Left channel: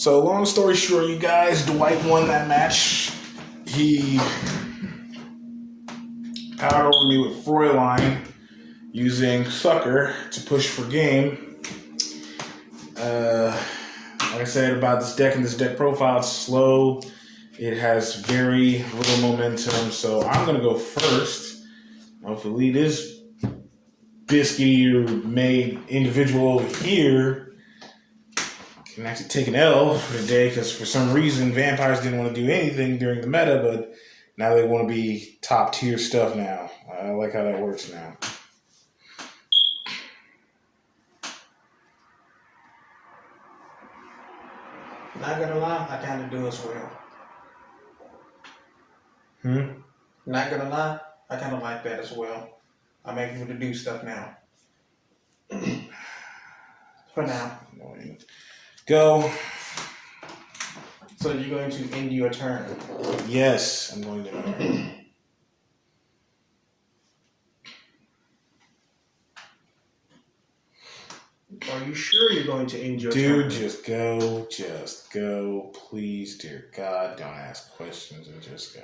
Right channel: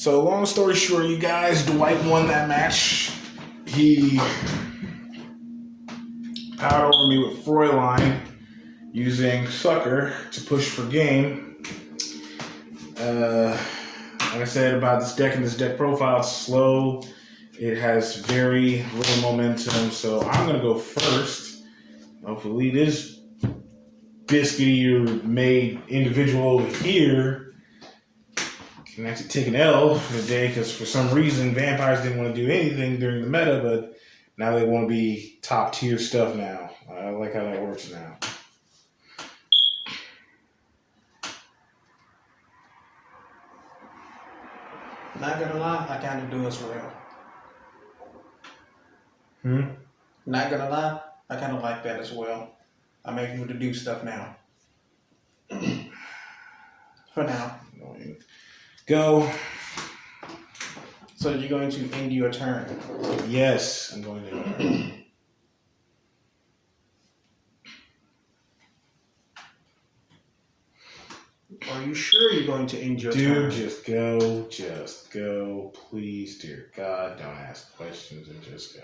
So long story short, you guys, Dwight won that match. He powered over me with Fräulein using Sucker to push for game. Like I said about this deck and this deck profile, it's slow. It has very little momentum, so I'm going to go first. Hopefully this biscuity made individual over here can actually take an L for the day, because for some reason vampires didn't want to do anything during the meta, but now they want to be top tier stuff now. I like how that works now. Not gonna lie, I kind of do as well. Not gonna lie, I kind of like that as well. I'm able to do stuff now. For now. Go. So you're going to end your turn? Yes, I'm going to. Are you sure you're going to end your turn? Dude, just go. Just go. Please, dear God, don't ask questions and just go.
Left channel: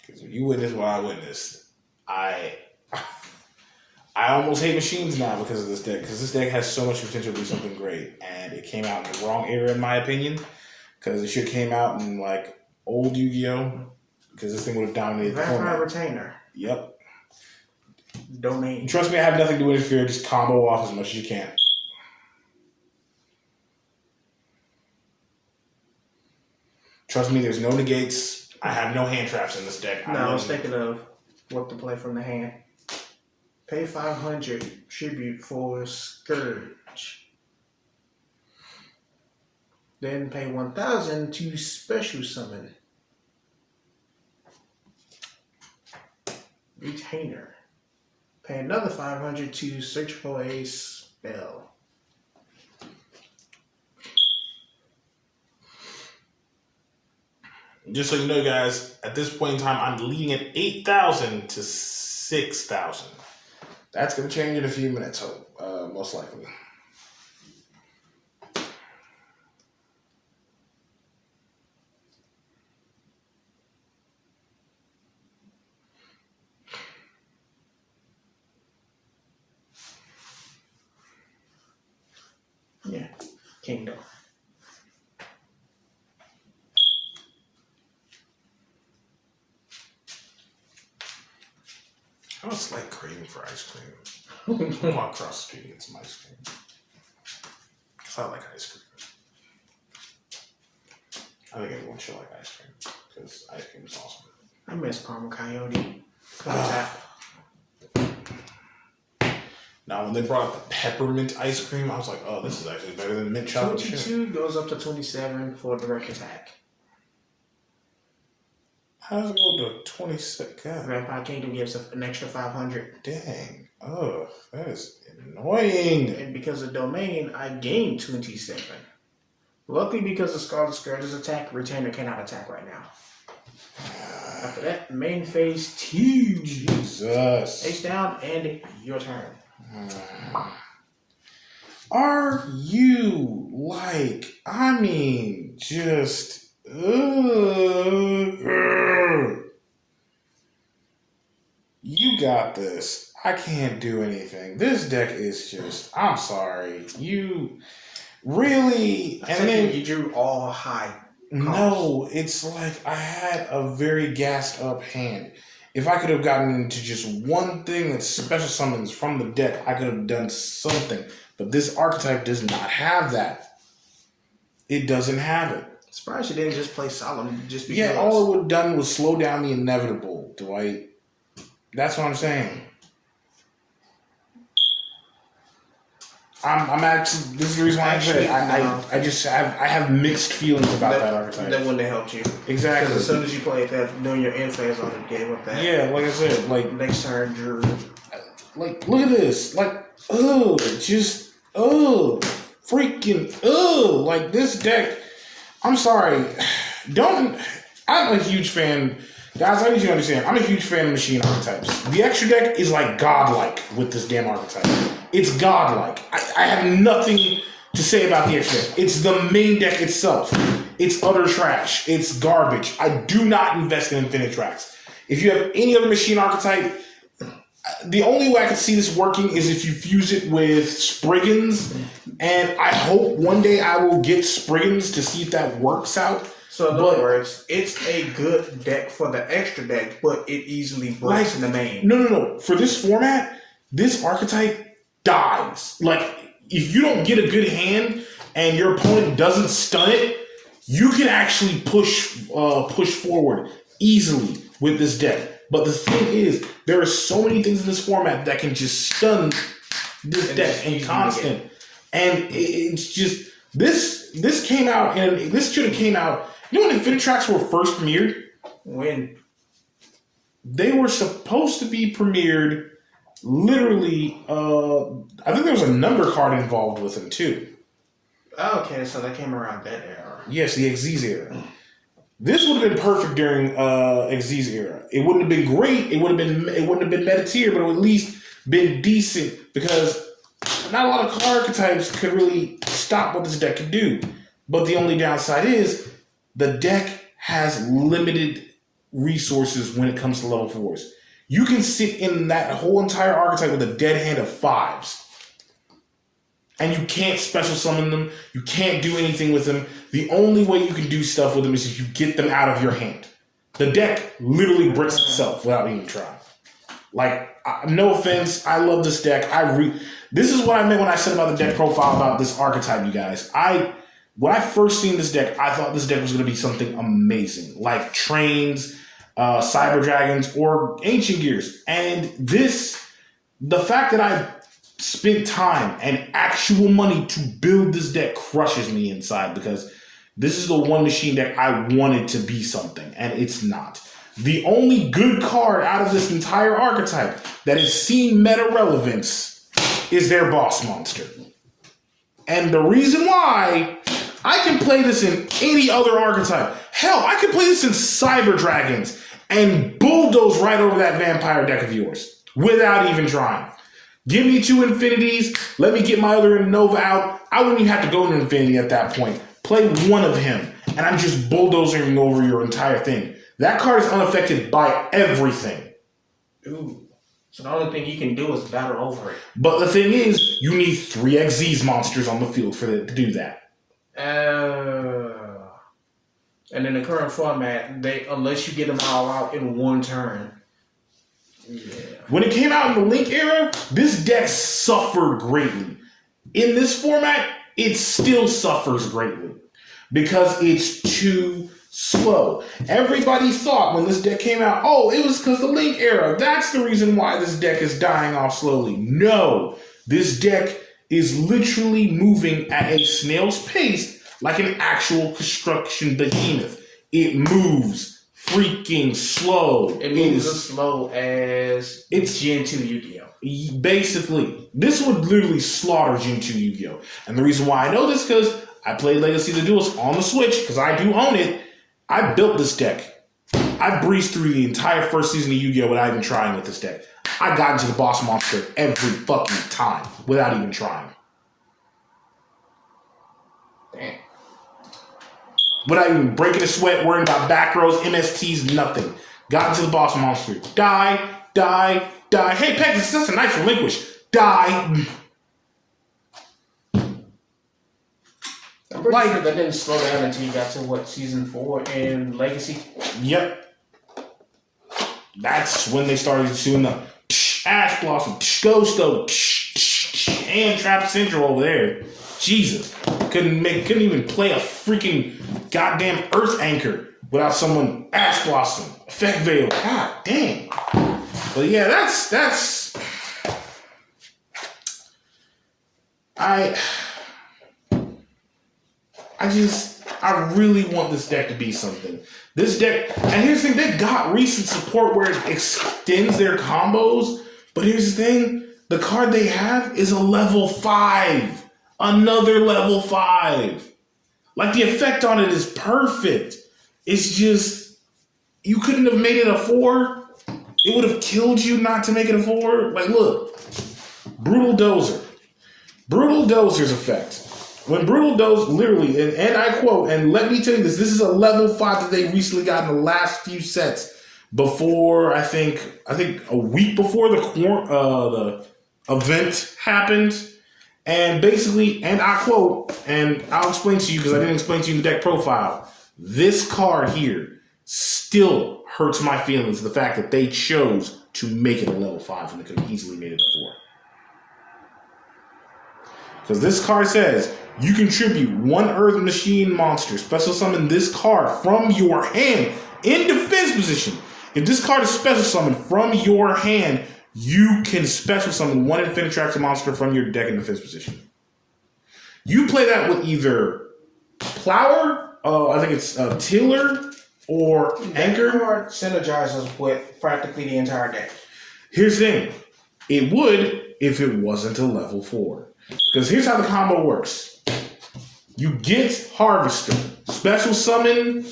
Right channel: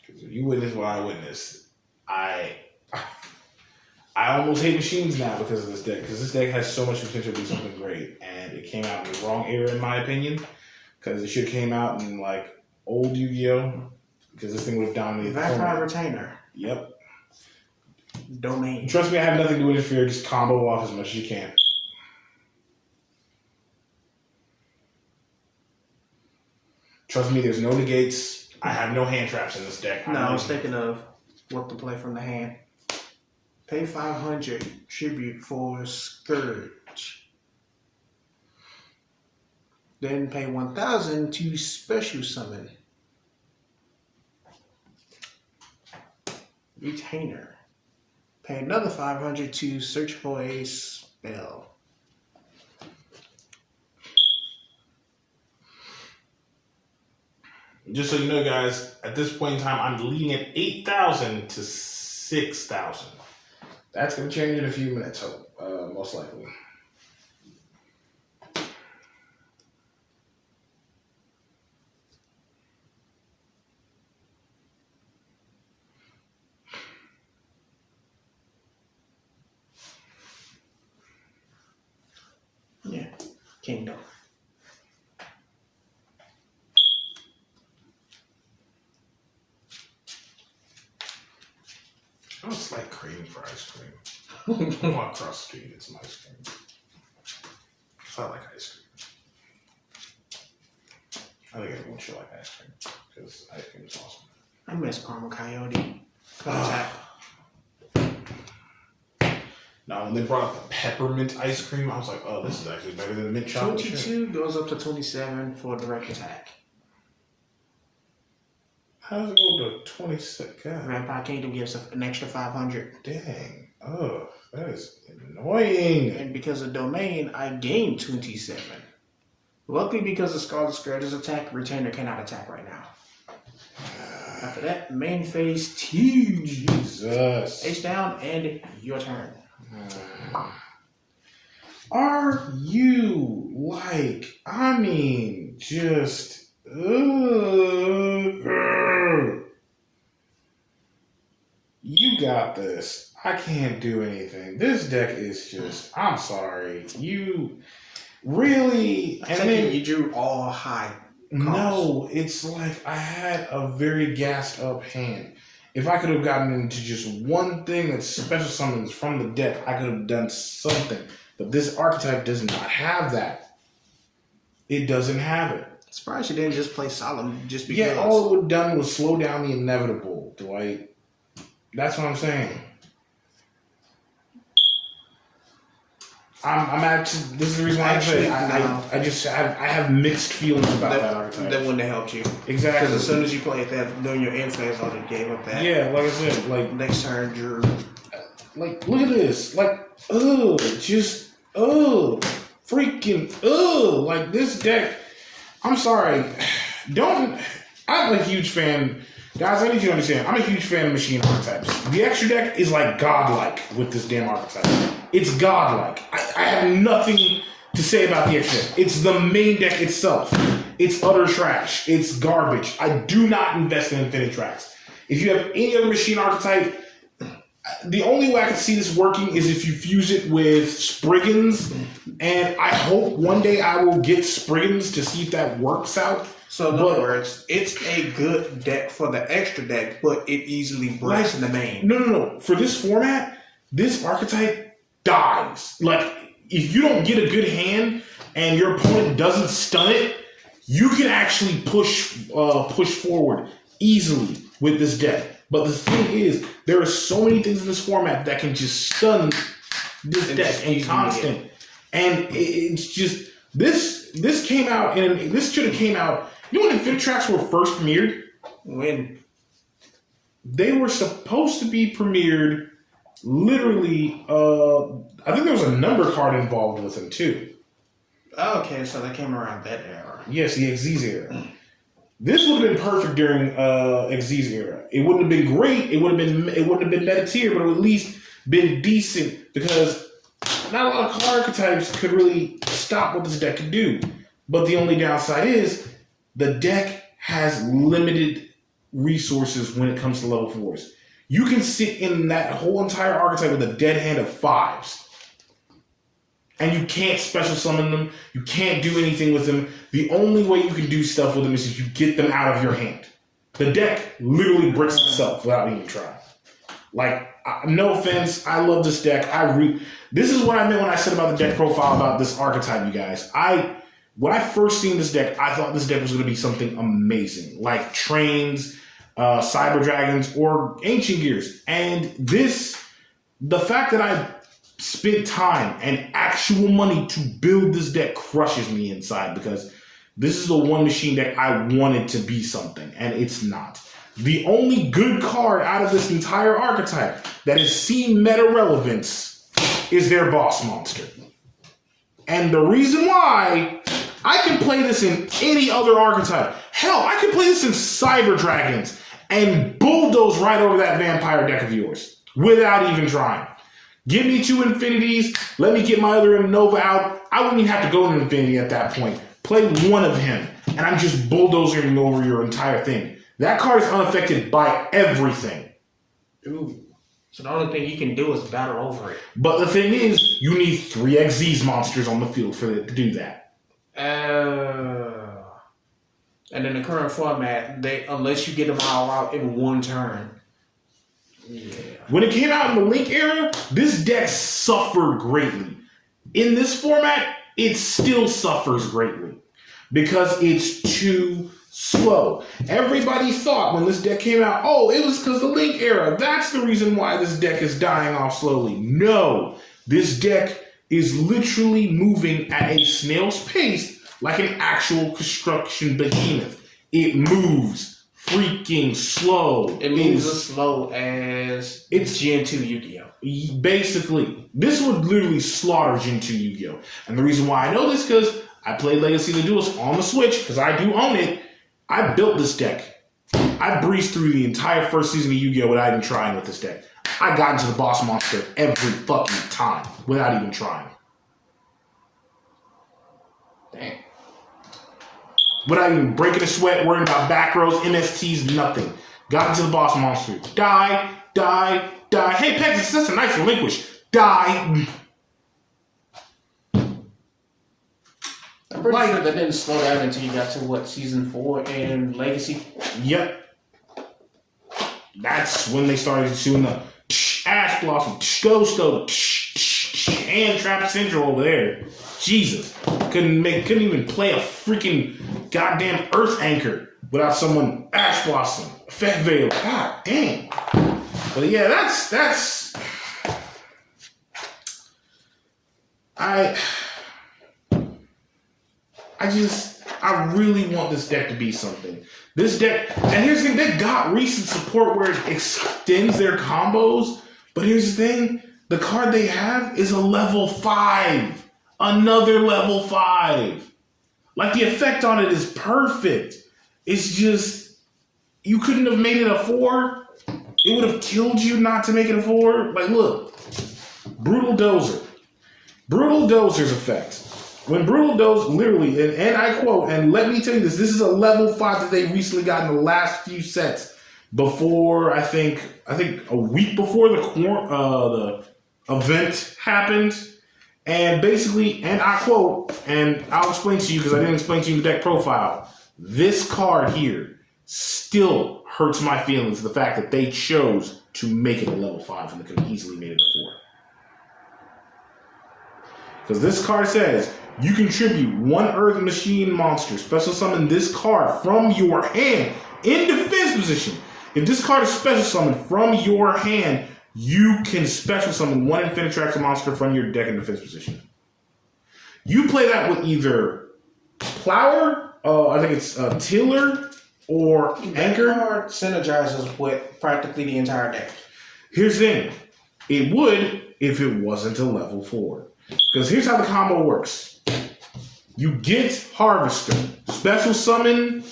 Because if you witness what I witnessed, I almost hate machines now because of this deck. Because this deck has so much potential to be something great. And it came out in the wrong era, in my opinion. Because it should have came out in, like, old Yu-Gi-Oh! Because this thing would have dominated the Vampire Retainer. Yep. Domain. Trust me, I have nothing to interfere. Just combo off as much as you can. Trust me, there's no negates. I have no hand traps in this deck. No, I was thinking of what to play from the hand. Pay 500 tribute for Scourge. Then pay 1,000 to special summon. Retainer. Pay another 500 to search for a spell. Just so you know, guys, at this point in time, I'm leading at 8,000 to 6,000. That's going to change in a few minutes, most likely. Yeah, Kingdom. I was like craving for ice cream. I'm walk across the street and get some ice cream. Because I like ice cream. I think everyone should like ice cream. Because ice cream is awesome. I miss Karma Coyote. Tap. Now, when they brought up the peppermint ice cream, I was like, oh, this is actually better than the mint chocolate. 22 goes up to 27 for direct attack. How does it go to 26? God. Vampire Kingdom gives an extra 500. Dang. Oh, that is annoying. And because of Domain, I gained 27. Luckily, because of Scarlet Scourge's attack, Retainer cannot attack right now. After that, main phase 2. Jesus. Ace down, and your turn. Are you like, I mean, just, you got this. I can't do anything. This deck is just, I'm sorry. You really, and then you drew all high. No, it's like I had a very gassed up hand. If I could have gotten into just one thing that special summons from the deck, I could have done something. But this archetype does not have that. It doesn't have it. Surprised you didn't just play Solemn just because. Yeah, all it would have done was slow down the inevitable, Dwight. That's what I'm saying. I'm actually, this is the reason why I have mixed feelings about that archetype. That wouldn't have helped you. Exactly. Because as soon as you played that, doing your end phase on the game up that. Yeah, like I said, like next turn you're like, look at this. Like, freaking, like this deck. I'm sorry. I'm a huge fan. Guys, I need you to understand, I'm a huge fan of machine archetypes. The extra deck is like godlike with this damn archetype. It's godlike. I have nothing to say about the extra deck. It's the main deck itself. It's utter trash. It's garbage. I do not invest in InfiniTrack's. If you have any other machine archetype, the only way I can see this working is if you fuse it with Spriggans, and I hope one day I will get Spriggans to see if that works out. So in other words, it's a good deck for the extra deck, but it easily breaks in the main. No. For this format, this archetype dies. Like, if you don't get a good hand and your opponent doesn't stun it, you can actually push forward easily with this deck. But the thing is, there are so many things in this format that can just stun this deck and constant. And it's just this came out, and this should have came out. You know when InfiniTrack's were first premiered? When? They were supposed to be premiered literally, I think there was a number card involved with them too. Okay, so they came around that era. Yes, the XZ's era. This would have been perfect during XZ's era. It wouldn't have been great. It wouldn't have been meta tier, but it would at least been decent because not a lot of card archetypes could really stop what this deck could do. But the only downside is the deck has limited resources when it comes to level 4s. You can sit in that whole entire archetype with a dead hand of 5s. And you can't special summon them. You can't do anything with them. The only way you can do stuff with them is if you get them out of your hand. The deck literally bricks itself without even trying. Like, no offense, I love this deck. This is what I meant when I said about the deck profile about this archetype, you guys. When I first seen this deck, I thought this deck was going to be something amazing, like Trains, Cyber Dragons, or Ancient Gears. And the fact that I spent time and actual money to build this deck crushes me inside, because this is the one machine deck I wanted to be something, and it's not. The only good card out of this entire archetype that has seen meta relevance is their boss monster. And the reason why, I can play this in any other archetype. Hell, I could play this in Cyber Dragons and bulldoze right over that vampire deck of yours without even trying. Give me 2 Infinities, let me get my other Nova out. I wouldn't even have to go into Infinity at that point. Play one of him, and I'm just bulldozing over your entire thing. That card is unaffected by everything. Ooh. So the only thing you can do is battle over it. But the thing is, you need 3 XZ's monsters on the field for it to do that. And in the current format, unless you get them all out in one turn. Yeah. When it came out in the Link era, this deck suffered greatly. In this format, it still suffers greatly because it's too slow. Everybody thought when this deck came out, oh, it was because the Link era. That's the reason why this deck is dying off slowly. No, this deck is literally moving at a snail's pace like an actual construction behemoth. It moves freaking slow. It moves as slow as it's Gen 2 Yu-Gi-Oh! Basically, this would literally slaughter Gen 2 Yu-Gi-Oh! And the reason why I know this is because I played Legacy of the Duelist on the Switch, because I do own it. I built this deck. I breezed through the entire first season of Yu-Gi-Oh! Without even trying with this deck. I got into the boss monster every fucking time without even trying. Damn. Without even breaking a sweat, worrying about back rows, MSTs, nothing. Got into the boss monster. Die, die, die. Hey, Pegasus, that's a nice relinquish. Die. I'm pretty sure that didn't slow down until you got to, season 4 in Legacy? Yep. That's when they started doing the Ash Blossom, Ghosto, and Trap Central over there. Jesus. Couldn't even play a freaking goddamn Earth Anchor without someone Ash Blossom, Effect Veil. God damn. But yeah, that's I really want this deck to be something. This deck, and here's the thing, they got recent support where it extends their combos, but here's the thing, the card they have is a level 5. Another level 5. Like, the effect on it is perfect. It's just, you couldn't have made it a 4. It would have killed you not to make it a 4. Like, look, Brutal Dozer. Brutal Dozer's effect. When Brutal Dozer, literally, and I quote, and let me tell you this is a level 5 that they recently got in the last few sets before, I think a week before the event happened. And basically, and I quote, and I'll explain to you because I didn't explain to you the deck profile. This card here still hurts my feelings, the fact that they chose to make it a level 5 when they could have easily made it a 4. Because this card says, you contribute 1 Earth Machine monster, special summon this card from your hand in defense position. If this card is special summoned from your hand, you can special summon 1 InfiniTrack's monster from your deck in defense position. You play that with either Plower, I think it's Tiller, or Anchor. That card synergizes with practically the entire deck. Here's the thing. It would if it wasn't a level 4. Because here's how the combo works. You get Harvester, special summon,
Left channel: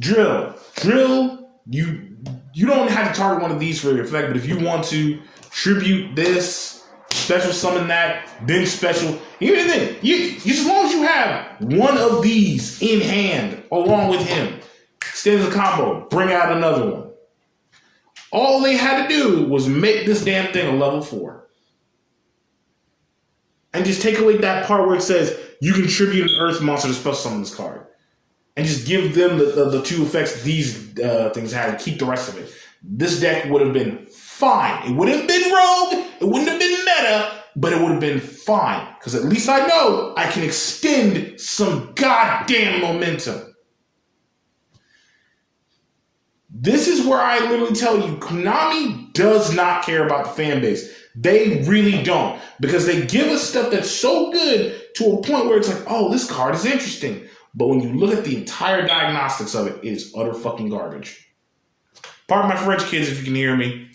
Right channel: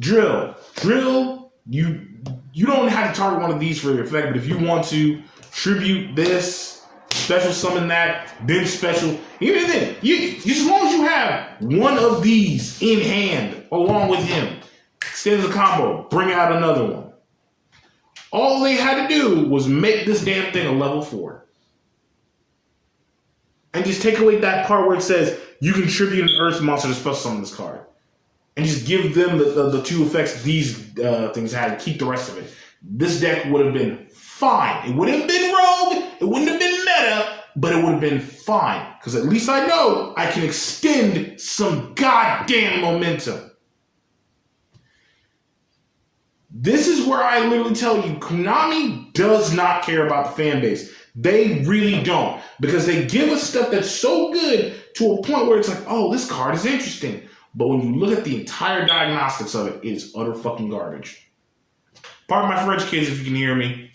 Drill. Drill, you don't have to target one of these for your effect, but if you want to tribute this, special summon that, then special. Here's the thing. As long as you have one of these in hand along with him, stay as a combo, bring out another one. All they had to do was make this damn thing a level 4. And just take away that part where it says you contribute an Earth monster to special summon this card. And just give them the 2 effects these things have. Keep the rest of it. This deck would have been fine. It wouldn't have been rogue. It wouldn't have been meta. But it would have been fine. Because at least I know I can extend some goddamn momentum. This is where I literally tell you, Konami does not care about the fan base. They really don't. Because they give us stuff that's so good to a point where it's like, oh, this card is interesting. But when you look at the entire diagnostics of it, it is utter fucking garbage. Pardon my French, kids, if you can hear me.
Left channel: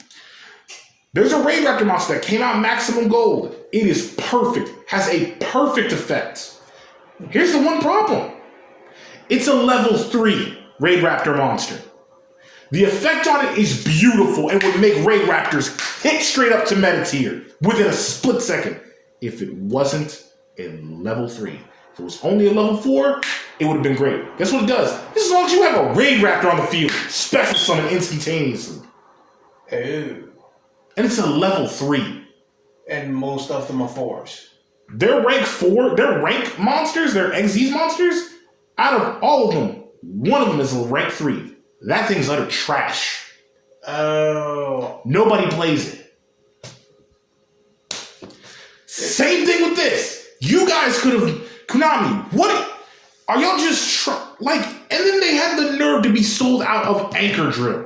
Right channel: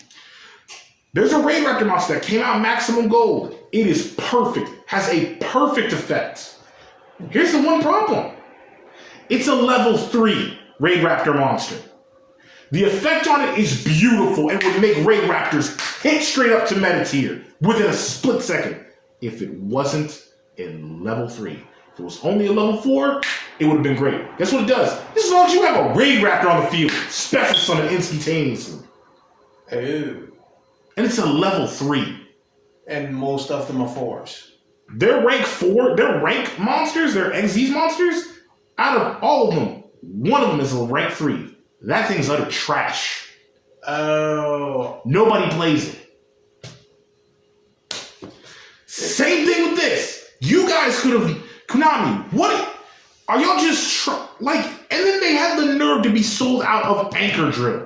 There's a Raid Raptor monster that came out maximum gold. It is perfect. Has a perfect effect. Here's the one problem. It's a level 3 Raid Raptor monster. The effect on it is beautiful and would make Raid Raptors hit straight up to meta tier within a split second if it wasn't a level 3. If it was only a level 4, it would have been great. Guess what it does? As long as you have a Raid Raptor on the field, special summon instantaneously. Oh. And it's a level 3. And most of them are 4s. They're rank 4, they're rank monsters, they're XZ monsters. Out of all of them, one of them is a rank 3. That thing's utter trash. Oh. Nobody plays it. Same thing with this. You guys could have... Konami, what... Are y'all just... and then they had the nerve to be sold out of Anchor Drill.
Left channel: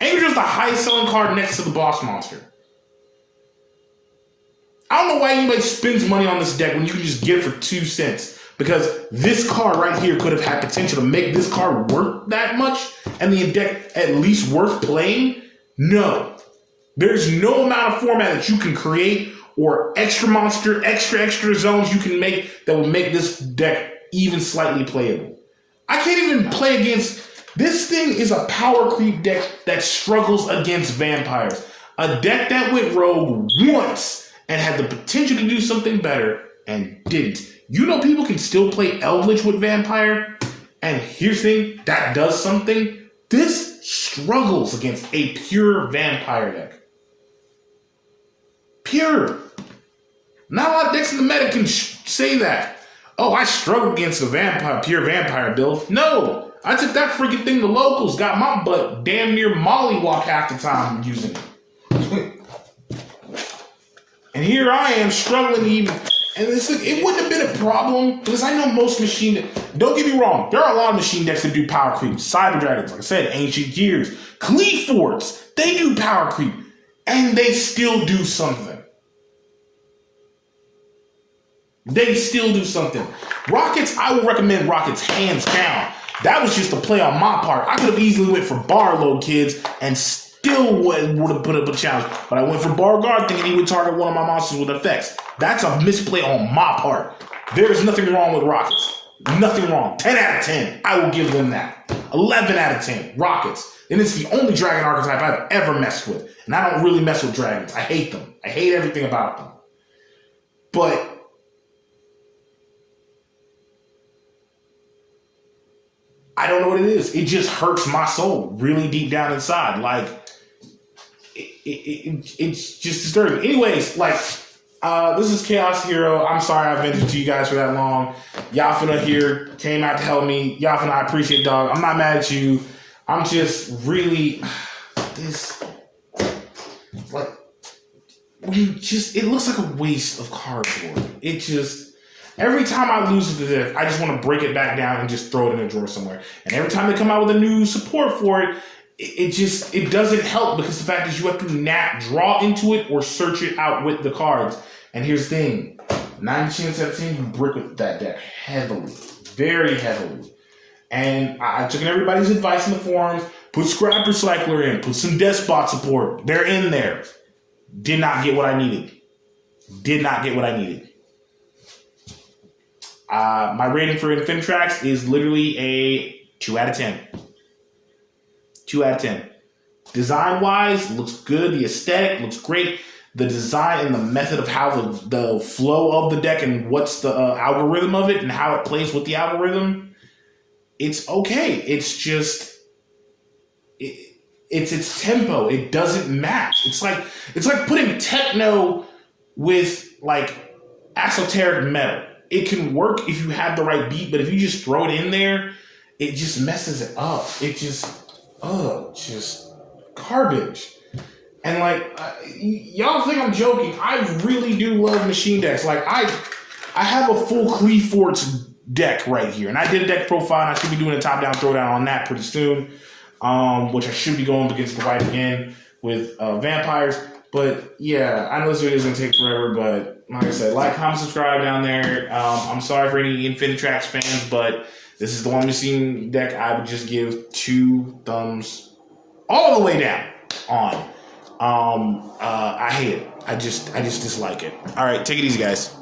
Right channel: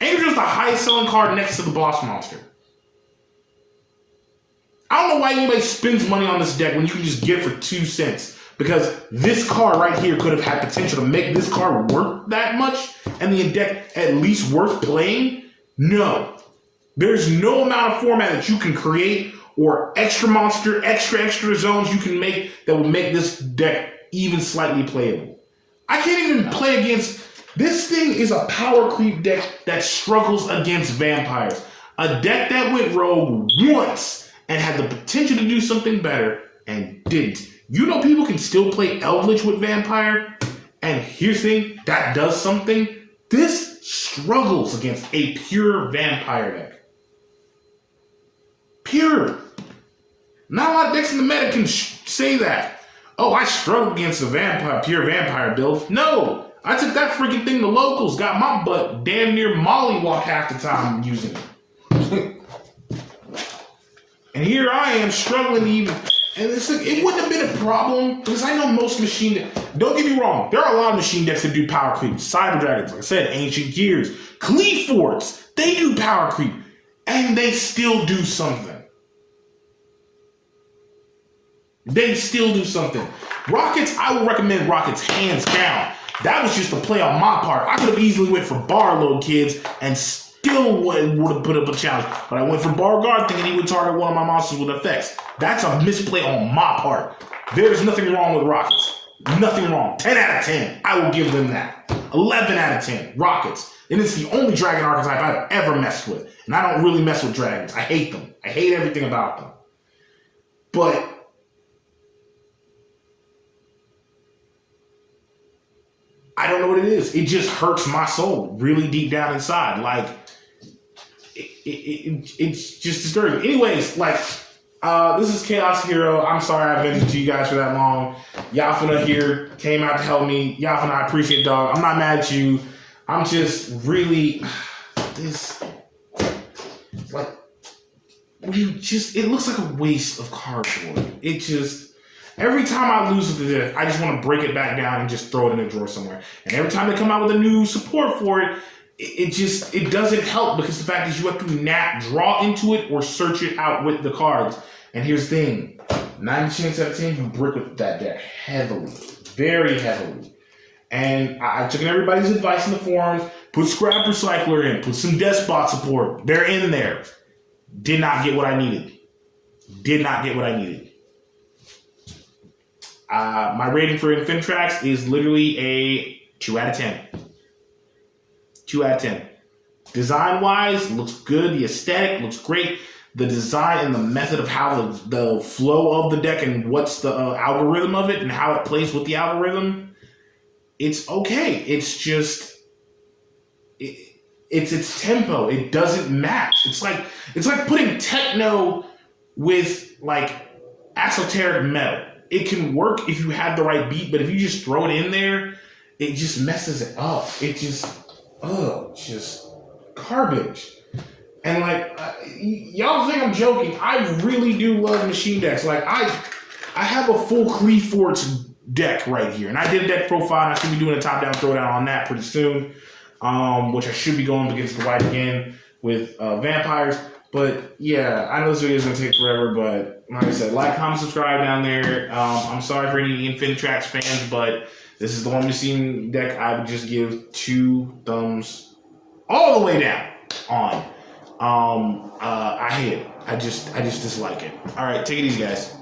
Anchor Drill is the highest selling card next to the boss monster. I don't know why anybody spends money on this deck when you can just get it for 2 cents. Because this card right here could have had potential to make this card worth that much and the deck at least worth playing. No. There's no amount of format that you can create or extra monster, extra zones you can make that will make this deck even slightly playable. I can't even play against... This thing is a power creep deck that struggles against vampires. A deck that went rogue once and had the potential to do something better and didn't. You know people can still play Eldritch with Vampire? And here's the thing, that does something. This struggles against a pure Vampire deck. Pure. Not a lot of decks in the meta can say that. Oh, I struggle against a pure Vampire build. No. I took that freaking thing to locals, got my butt damn near mollywop half the time using it. And here I am struggling to even... And it wouldn't have been a problem because I know most machine... Don't get me wrong. There are a lot of machine decks that do power creep. Cyber Dragons, like I said, Ancient Gears. Cleaforts, they do power creep. And they still do something. They still do something. Rockets, I would recommend Rockets hands down. That was just a play on my part. I could have easily went for Barlow, kids, and still would have put up a challenge. But I went for Barguard thinking he would target one of my monsters with effects. That's a misplay on my part. There is nothing wrong with Rockets. Nothing wrong. 10 out of 10. I will give them that. 11 out of 10. Rockets. And it's the only dragon archetype I've ever messed with. And I don't really mess with dragons. I hate them. I hate everything about them. But I don't know what it is. It just hurts my soul really deep down inside. Like, it's just disturbing. Anyways, like, this is Chaos Hero. I'm sorry I've been to you guys for that long. Yafina here came out to help me. Yafina, I appreciate it, dog. I'm not mad at you. I'm just really this like it looks like a waste of cardboard. It just every time I lose to this, I just want to break it back down and just throw it in a drawer somewhere. And every time they come out with a new support for it, it doesn't help because the fact is you have to draw into it or search it out with the cards. And here's the thing, 9 chance out of 10, you brick with that deck heavily, very heavily. And I took everybody's advice in the forums, put Scrap Recycler in, put some Despot support. They're in there. Did not get what I needed. My rating for InfiniTrack's is literally a 2 out of 10. 2 out of 10. Design-wise, looks good. The aesthetic looks great. The design and the method of how the flow of the deck and what's the algorithm of it and how it plays with the algorithm, it's okay. It's just it's its tempo. It doesn't match. It's like putting techno with like esoteric metal. It can work if you have the right beat, but if you just throw it in there, it just messes it up. It just garbage. And like y'all think I'm joking. I really do love machine decks. Like I have a full Cleaforts deck right here, and I did a deck profile, and I should be doing a top-down throwdown on that pretty soon, which I should be going against the white again with vampires. But yeah, I know this video is going to take forever, but like I said, like, comment, subscribe down there. I'm sorry for any InfiniTrack's fans, but this is the one machine deck I would just give 2 thumbs all the way down on. I hate it. I just dislike it. All right, take it easy, guys.